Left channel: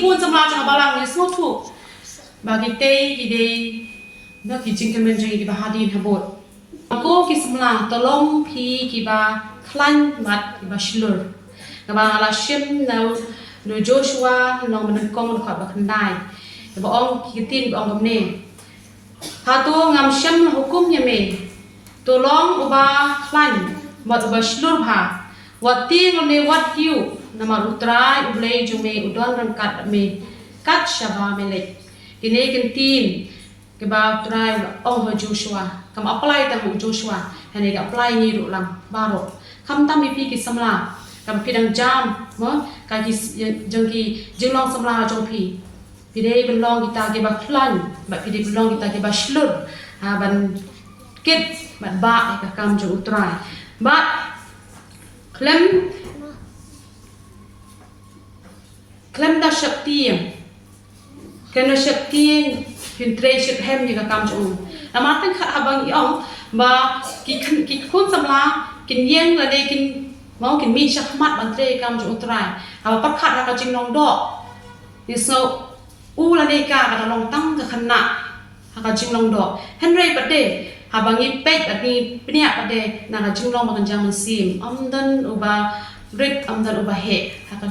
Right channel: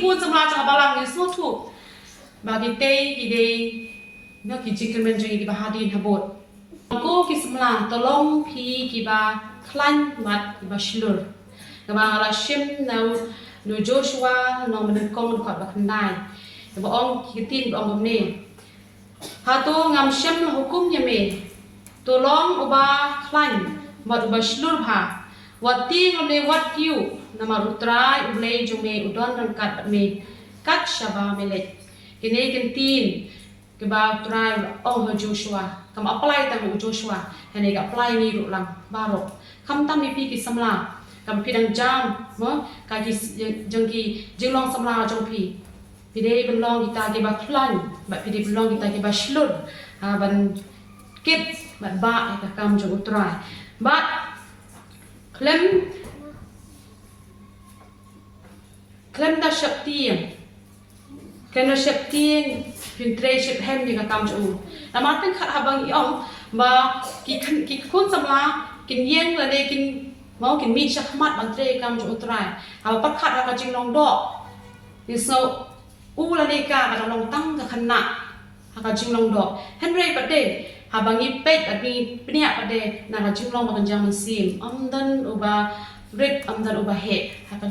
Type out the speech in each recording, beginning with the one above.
ควรสำราญจากบาลังยิสโนถูกบากิเตกิเดบากิจิงกันเป็นจริงกิบาฮาดีนฮับบดกูกิสำราญตลงพีกิบาคลันวัดกิบาชลูร์กิบาลาชิมนาโดยโจชัวน้องมันกองมันขอดบักขันได้กิบาองกิตินกิบาองกำเนิดพาตัวงามชิมหุกุมยามเมตัวลองอุบาคลันวัดอุบาชลูร์พาวัดตีเราในวัดฮิวนามาอุตรายอุเบลจุเมอุดรรังกัดเมกัดชาบาเมเล็กกินเอกันตีนกิบาอุตรายองหัวโจชัวคำอัปไลแต่หัวโจชัวเห็นเอกอัปไลนี่รุลังบาโรคำตั้มมีพี่กิสำลาคำพี่ดังจามมั้งกายกิจังกีจึงลองสำลาจงพี่พี่ได้เป็นลองกิตากิบาคลันแบบพี่ได้เป็นลองกิตากิบาชลุดบันกิดบันบะกับคำจงอุตรายบัดเคลมดาชักเตียงกันดาชักเตียงพินเทรชักเฮมนี่ก็กำจูอามาตั้งข้าบางอย่างบ่กิคุณสำลากินเย็นละเดกินมองกินมีชักมัดบันเทรกำจูตรายอาปักขัดเราก็จึงลองดอกยิสโนอูละเดกาก็ลองตั้งกับขณะเราก็จึงลองดอกเฮนเรย์ประเดหาบางยี่เป็ดแบบนี้เนี่ยประเดน่าก็จึงลองมากันจามันซิมดันอุบาริดดันอุบาเหตุหาก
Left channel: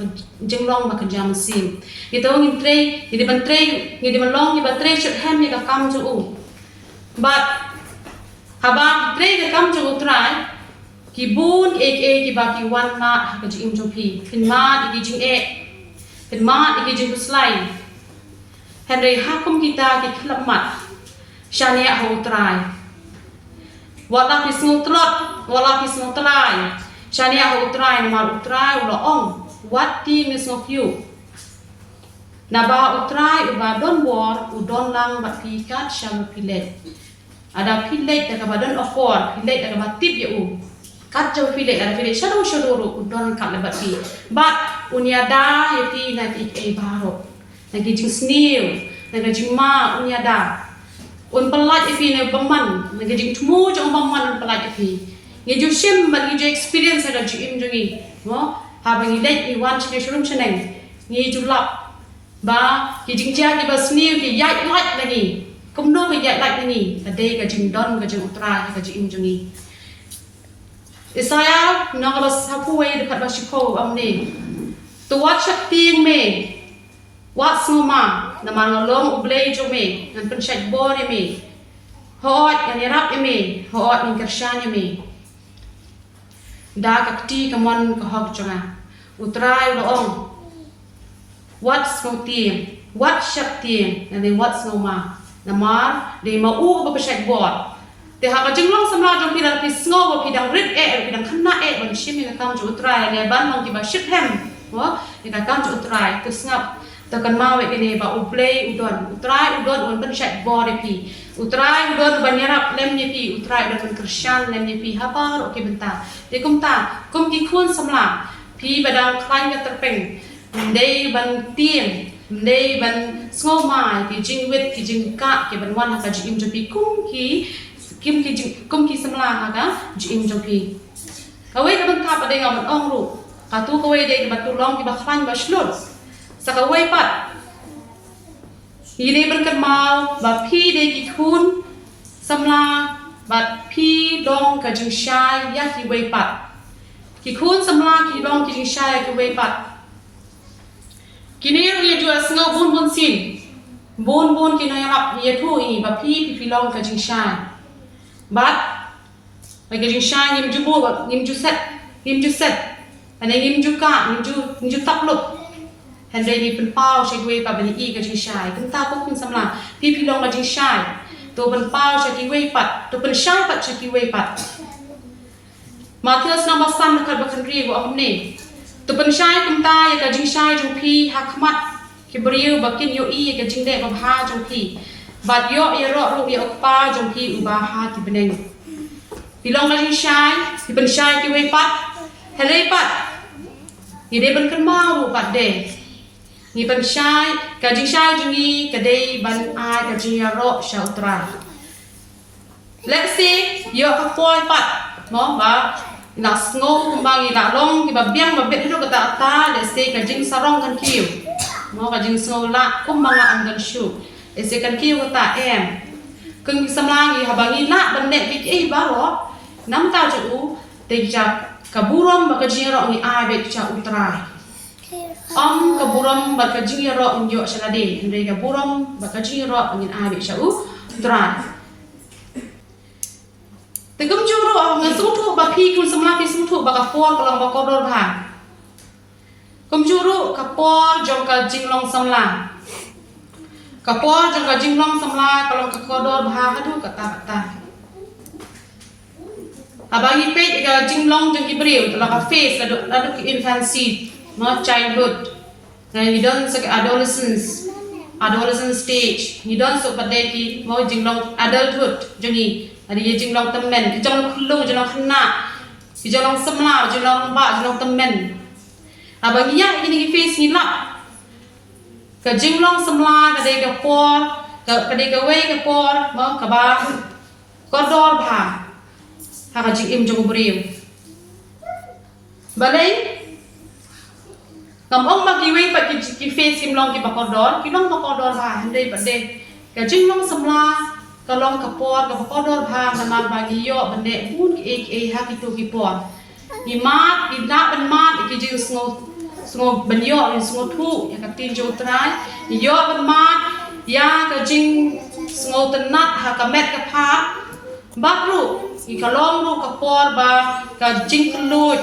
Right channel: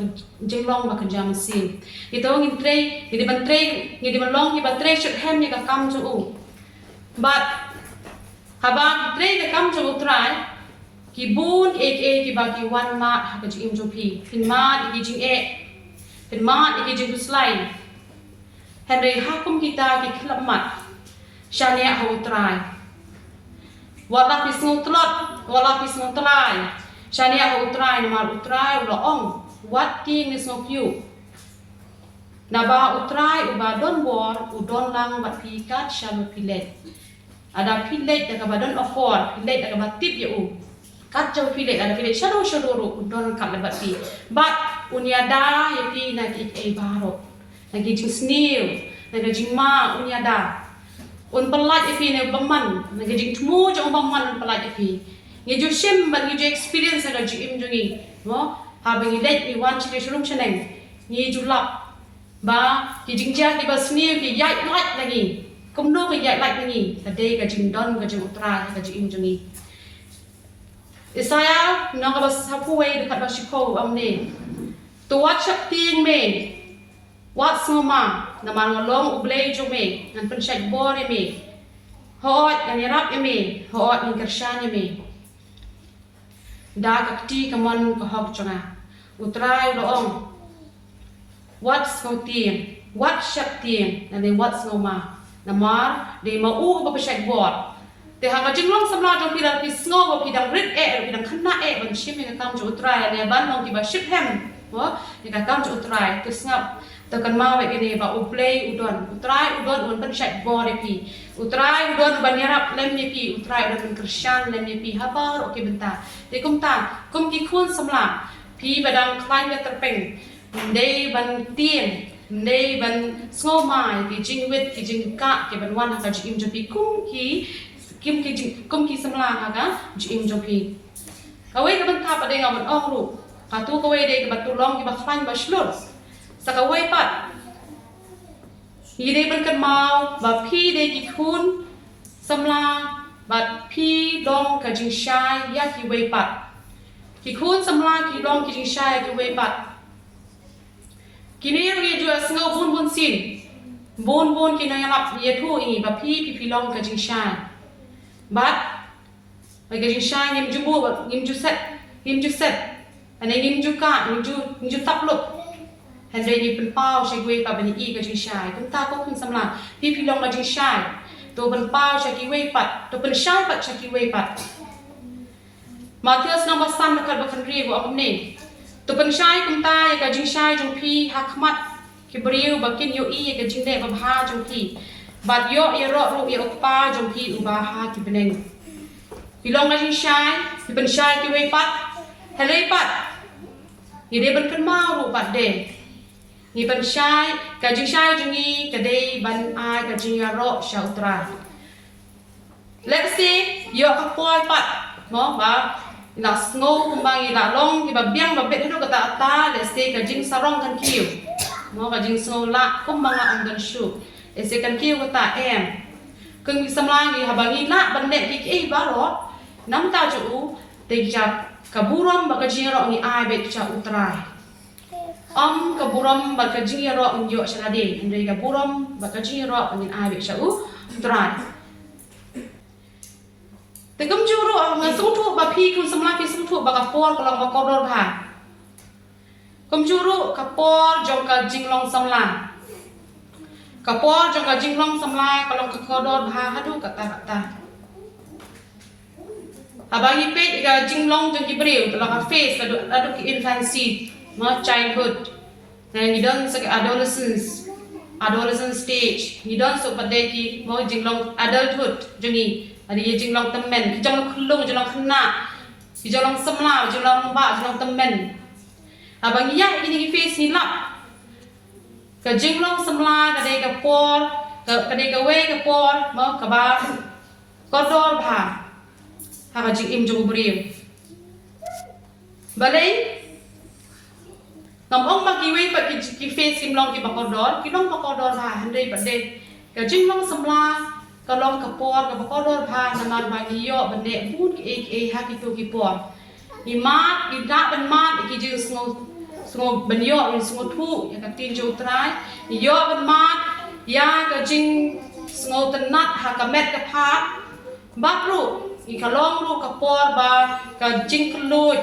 จึงลองมากันจามันซิมgitu ngin tray ngin ban tray ngin ban long ngin ban tray shot hem ni ka kam ju but haba tray ka kam ju try ki bun ki ba ki one ma ka ji im ju pi pin ma ki jing pin ma ki jing slide henry ha kum kita ki khlap mat shania ho try wala ki smooth trot wala ki smooth try shania ho try na ma try lo ong what thing is of you Naba utrai uba don war udon lang bat pikat shalu pilet. Ada pilet daga badon offer pilet daga batip ya kat jauh pilet ada pilet shadow udon kat lebat pi. Bat unyada ya pi nak baro. Nagi jing snail, nagi jing ma unyada. Pelat ya pi nak baman, nagi jing temu jang baman pelat ya pi. Ngi shim bat ngi experience ada jim jungi. Mo ha bangi let iwan chene shulum cheneng. Ngi julap ba ki jing jia ki ba snail ki yai like lagi kum no ki yai like lagi ade ka jing don ka jing utra ka jing jungi Isaya no ka sapu we dekat ba shiko amne tu wat chak ting me wat suma na ma long uble jo me nan pen shak bor me hot kan rap me hot ning karshan me da ka ti ka mon ka hok jonga utrai lo ong What's no tiền, what shak tiền, and then what's no ma, nama để mà ba cái sạch bọt, thì hàng chính long sắm ra trong khi đang snow và khi đang rít khi đang khăn nát bằng ship như cái cam chỗ trai này bán long thì bà ship hem, đó, thì cái cam chỗ trai từ ngập, từ cần mau vậy cái này và uplay udon bên sạch bọt đấy pi, udon bên nhà rap lem như pi, udon bên Christian lem như pi, haba, ok bên ta, thì công cái khuôn sắm là pi và đang khai cái tập bình Day ban tiền, day ban small mai, ki jing wit, ki jing ka, ki ban wan haka jing jopi kum ki samla haka jing jopi. Kawai ka ban tap adai ngaban ong ru, katu kawai day ka ban tulong ki ba khlan ba shlur. Sa kawai pat, day ban kan mau, ba pi day ki kun samla, ba pi dong ka jing shai ya ki wai pat. Ki kun samla ki dong ki jing shai ya ki wai pat. Kini dia jual sengau bun sin, bun kini yang lap dia tu ini, bapi pipi long ke jing shai, bat, lagi jing shai ngim jubu, ngim ju set, ane ngim ju ka, ngim ju tak lup, hendak ni penpau saya gue pa bani i ke jing shai, kenta aku pun samla, pipi long ke jing shai, tu penpau saya gue pat, tu penshai pat saya gue pat, Matius nama san dekat bakan ribu aku ni. Tu penshai kumta ya ka jing shai jong pi hakmat ki beriu bakin yo I ka jing de ba ha jong pi bat yo ya ro ya okpa jong pi u ba ha ki beneng pilong ka jing shai ki penshai ki we pat hele pat ni de ban kan mau ru pat de ni penshai ka jing shai jong ni ka de ban ai ka jing ya ro sha utra let's say yo ka poi pat no ba na snow kumbang ila long ki ba biang ba bet ro ka ta let's say ka jing sarong kan kiu mau ka jing sngo la manga am dan shu ese kan ki wata em kung mi samlang yi habangi la ban ne bi ke ba ro nam ta ju te ja kaburam ba ka jing ro ni ai be cha utrai kaburam ba ka jing ro yo shalade ndai kaburam ba ka jing ro ni ai be cha utrai te kum ju ro nga sung thu ba phi kun samlang pi sung thu ba ka por kalang ba ko dor bha kum ju ro ka por jong ka jing long samlang kapor jong ka jinglong samlai kalau ka kodor bha hadu kata abangi pet ka jinglong jong ki breu la ka face adu ki infancy ma childhood dan you don't so adolescent stage you don't so pada ki mau jinglong adulthood jongi ani jinglong temen ki jong khulung jong khna ki jong samla jong ba jong temen abangi ya ini ki face ni la ka jinglong samla ka de ka por ka de ka we ka por ma ka ba ko dor bha ha ka jing im jong briu balai ngam ong ma ki we pa ki face sim long ki ba ko dor bha handai ba de ka jinglong samla ka long ka por ka ba ko dor bha na ma ba ki yo ba de bun ki ha ki tu ki por ni ma ki da ban ma ki jing sngo banyo ni sngo thu ya ka tin jo trai yo ban ma ya ka jing sngo tanat ha ka met ka pha ba ru ki ka long ru ka por ba ka jing kluj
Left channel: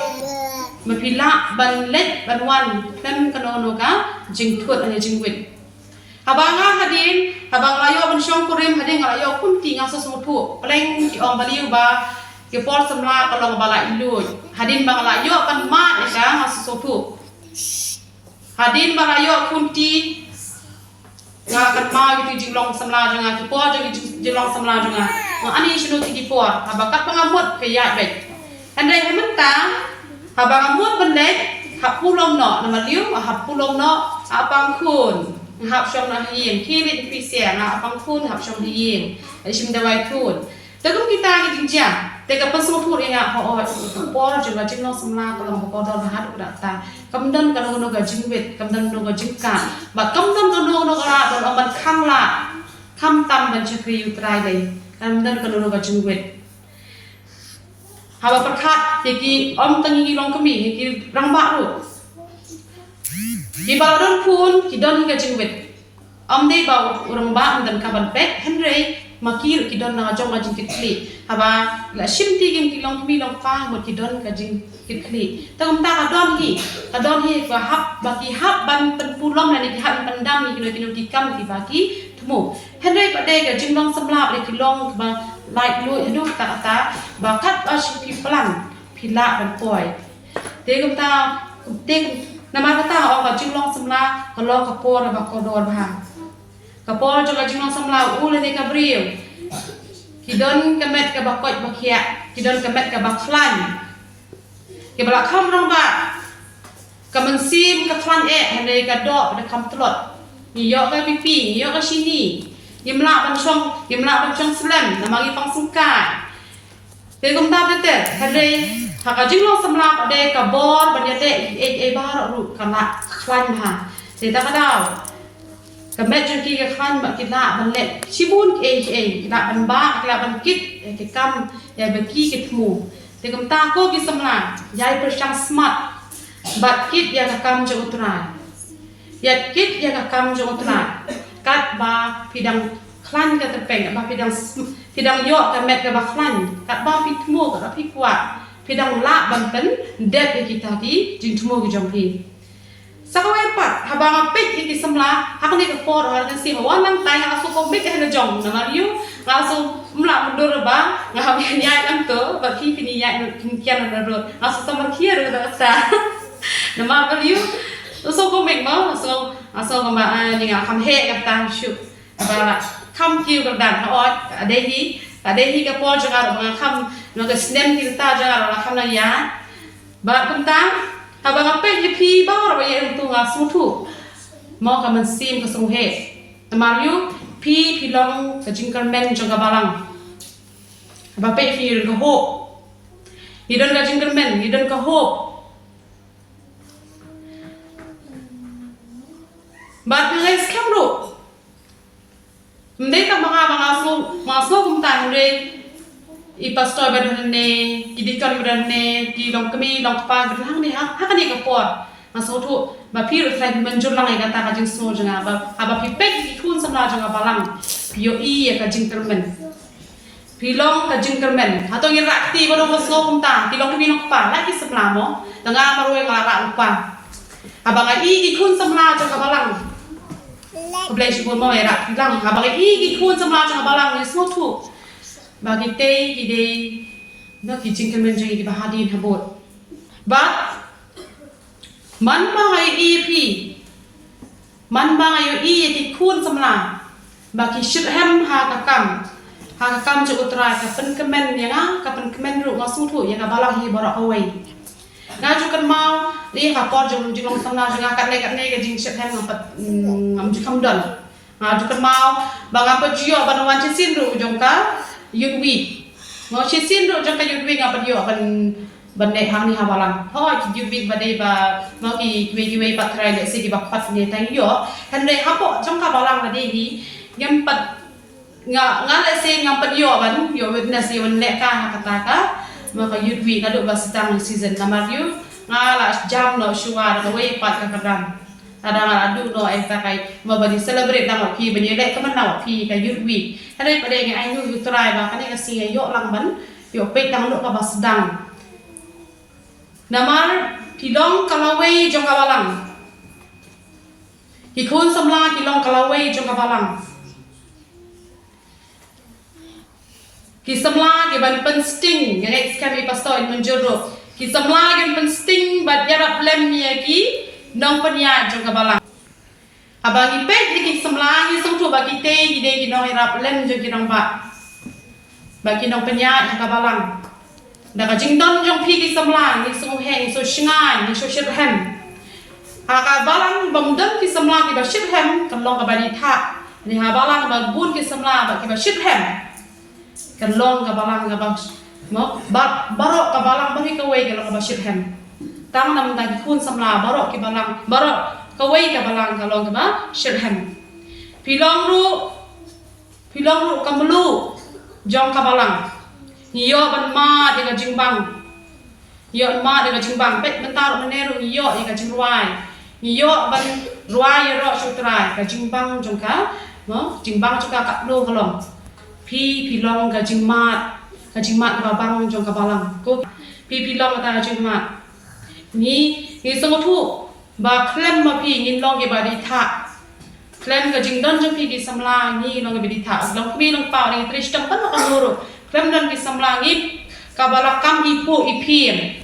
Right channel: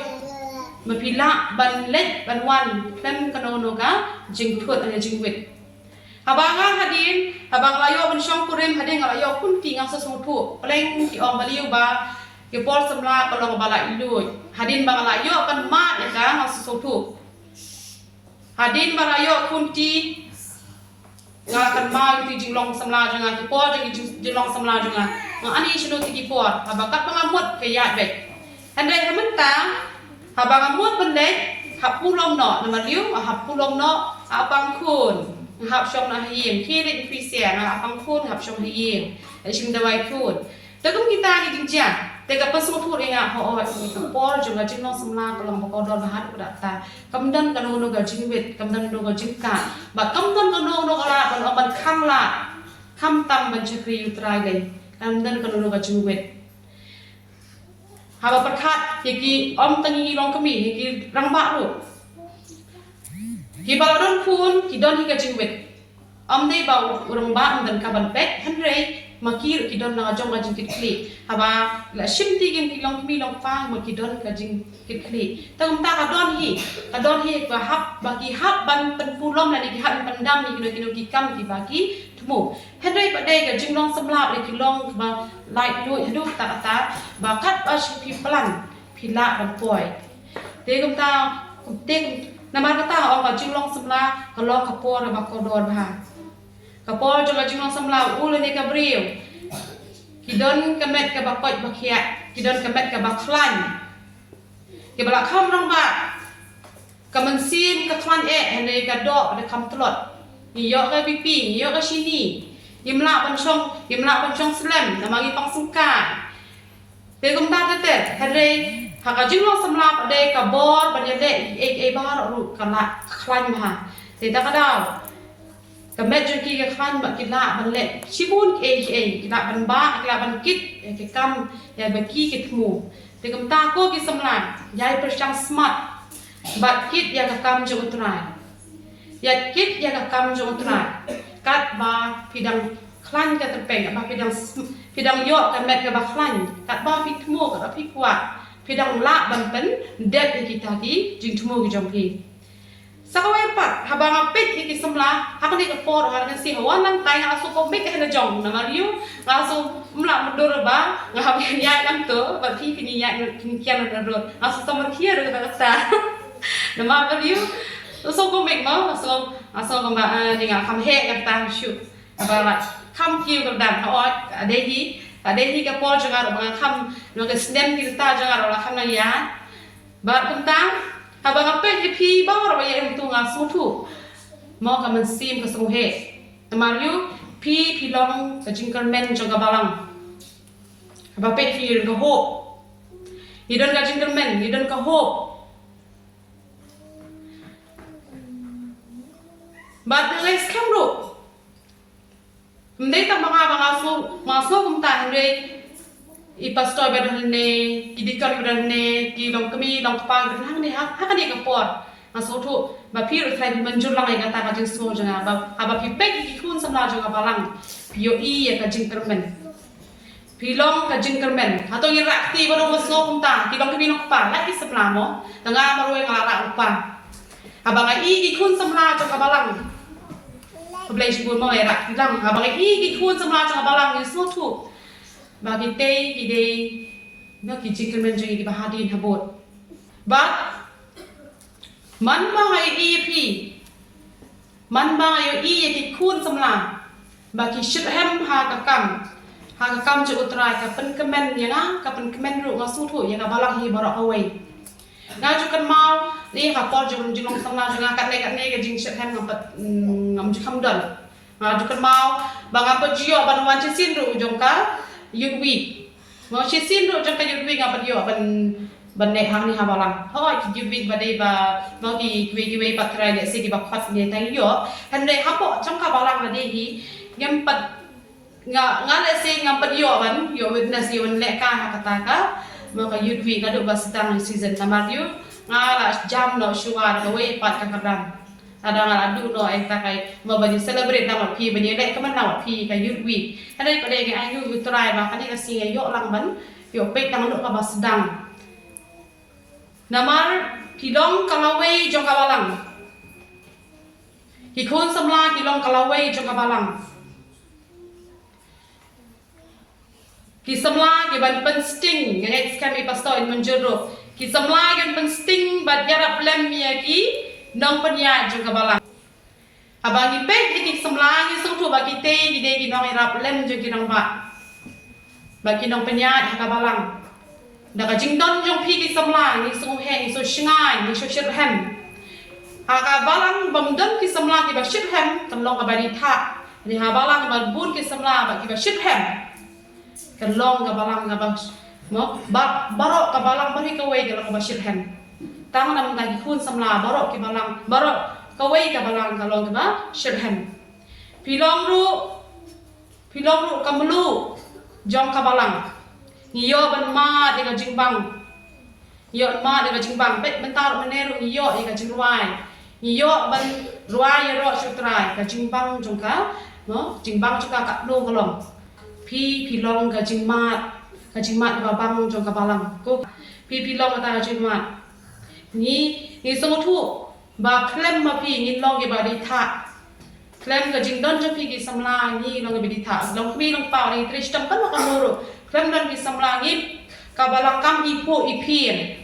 ma pila ban let ban wan klem ka no ka jing thut ani jing wit habanga hadin habang layo ban shong kurim hadin layo kun ti nga so sngo thu pleng ki ong baliu ba ki por samla ka long ba la iluj hadin ba layo kan ma ka nga so thu hadin barayo kunti ngalakan ma gitu jinglong samla janga ki por jinglong samla janga mo ani shinu ti por habakat pangamut ke ya bet andai hamenta habangamut bendek hap pulong no nama liu hap pulong no apang kun hap shong na hien kilit pi sia na apang kun hap shong hien shim dawai kun tegum kita ki jinja tega pasung thu ringa ho por janga jinglong samla kalong ko dor hat ta kamdan kanu no ga jingwet kamdan no ga jingka ba kamdan kanu no ga ban oman khang la kham tam ban chakri utrai le kamdan kanu no ga jingwet haba prakhat ki om tangi long kami ki rangba ru di balon pun ki don ga jingwet om dei ba urang ba dan kaban pet henry makir ki don na jong ga jing kli haba la shimti gem ki long kami long fa mo ki don ga jing kli tam ta ka don hi ba hap ba ki hap ban pen pulong la ni ki hap ban dam ni ki no ki kam ki ba ki tumu henry ba dei ga jing long samlap le ki long ba like lu adu ta ba kat ash pi plan pila ban poi te gum ta te nama ta o ga jing long samla ka long ka por ba ko dor ba ka por jo ga jing long samla u le ni ka briu kidon kemet ka bakot bakia kidon kemet ka baklan ke bala kham rong ba ka mensim ka khlan hande ka do da kham tlot ni yo ka pipi ni yo ka sini yimla ban chong slam na mangi pang singka te gum ta te hande ha ka jinglong samla de ka bor ban de e ba ro ka la khlan ba te ta ka daw kemet jong ki ka khlan ba ki la ban let chibun ki la ban ba ki la ban kit ki kam ya ba ki ki thmu te kam ta ko ki samla yai perchang smart bat kit ya ka kam jo utrai ya kit ya ka kam jo utrai kat ba pidang khlan ka te peng ba pidang yo kemet ka ba khlan kat ba pi thmu ka pi kwa pidang la ban pen det ki ta ki jing thmu ki jong pi sakawai pat habang pet iki samla hakni ka por orang kan si walang tay nga so ko mek na jong na mariu langsung mla mundur ba nga habi nya kan to ba ki pini ya kian na ro aso samar kier ga sa na ma mariu so ko mek ma so ko ba ni nga kham he ka ta shu ba kham kiu ka dan ha ot ade hi ka por jaga ro kham no ka snem ki ta jaga ro kham na ya ba kum ta habang apa yang pi ba ra ya tu nga su thu mo ka man sim ka su he mariu pi long sa jingkar men jo ga balang ba pe fi ga ho hidon ga jingkar men hidon ka ho But ngai scam ru. Mereka mga kumtan re I pastor badane kidikon badane ki long kami long kapa badane hakani kapor masuk tu ba pir trai menjur lang ai kata ka jing so janga ba aba pi pek ki kun samla janga balang pio I ka jing termen pilong ka jing termen atau ngi rakti ba no so kumta ki long kami long kapa la ki samla mo tanga marwe ngara upa aba ga I kun samla janga balang Boleh sebut mau ya rak bilang aba ga I kun samla janga balang ni so tu bagi teh ide bagi jingkemen jadi di bahadi habot but man bangai EP man bangai di kun samla bagi shithem ha kakam cukup terai kapan kemen ya na kapan kemen ru masuk tu ya kabalang hi barak away ngajukan mau ni kapor jong samla jang kat ne ke jing shithem ngam jikam don ngajukan mau bangapa jio banwan cisin ru jongka youth week ngo chisin ro jang ka youth week apa yo ban ne hang ni habalang youth week badai ba ngo ki kiwe patrai le se ki bapat ni tang yo kan ne hapo jang ka balang ade hi ngam pat nga le se ngam pat yo ban yo witness yo le ka kata ka maka youth week ado ba sitang season kamar yo nga la jam no shuwa na we pat ka kadang ada adu no ai ta kai ma bani celebrate dang pi bani le kaman na pi ka youth week kanai pada ngai ai nu try ba kanai ka singa yo lang ban yo pe dang no ka basdang namar pilong kalawe jong kabalang ikun samla pilong kalawe jong kabalang ki samla ki ban pen sting ngai skami pastor in menjuro ki samla ki pen sting bat yara plan mi ki nong penya jong kabalang abang ipet ki semlang ni song tu bagi te ide ki nong irap lem jong ki nong ba bagi nong penya kabalang da ka jingdon jong pi ki semlang ni song heng so shingai ni so shirhem kabalang bamdon ki semlang ki ba shirhem kan long ka bari tha ni habalang ba bun ki semlang ba ki ba shirhem kan long kabalang ka bang mo barok kabalang bari ka we ka ba shirhem tang nam ta kun samla barok ki balang barok kawai ka balang ka long ba shirhem pilong ru kamlu jong ka balang niyo ban ma dengan jingbang yo ma dengan jingbang pet bentar meneru niyo ka jingruai niyo ban ruai ro sutrai ka jingbang jong ka no jingbang jong ka kaplu kalong pilong ka jingmat babang jong ka balang ko pilong ta jingmat ni song tu ba klem ma pi ni long ge ba di tha klem ga jing don jong pi di samla ni long ge di tha long pi long pa ni tristam kan no amuro klem don di samla ni ka bala kam ipu ipien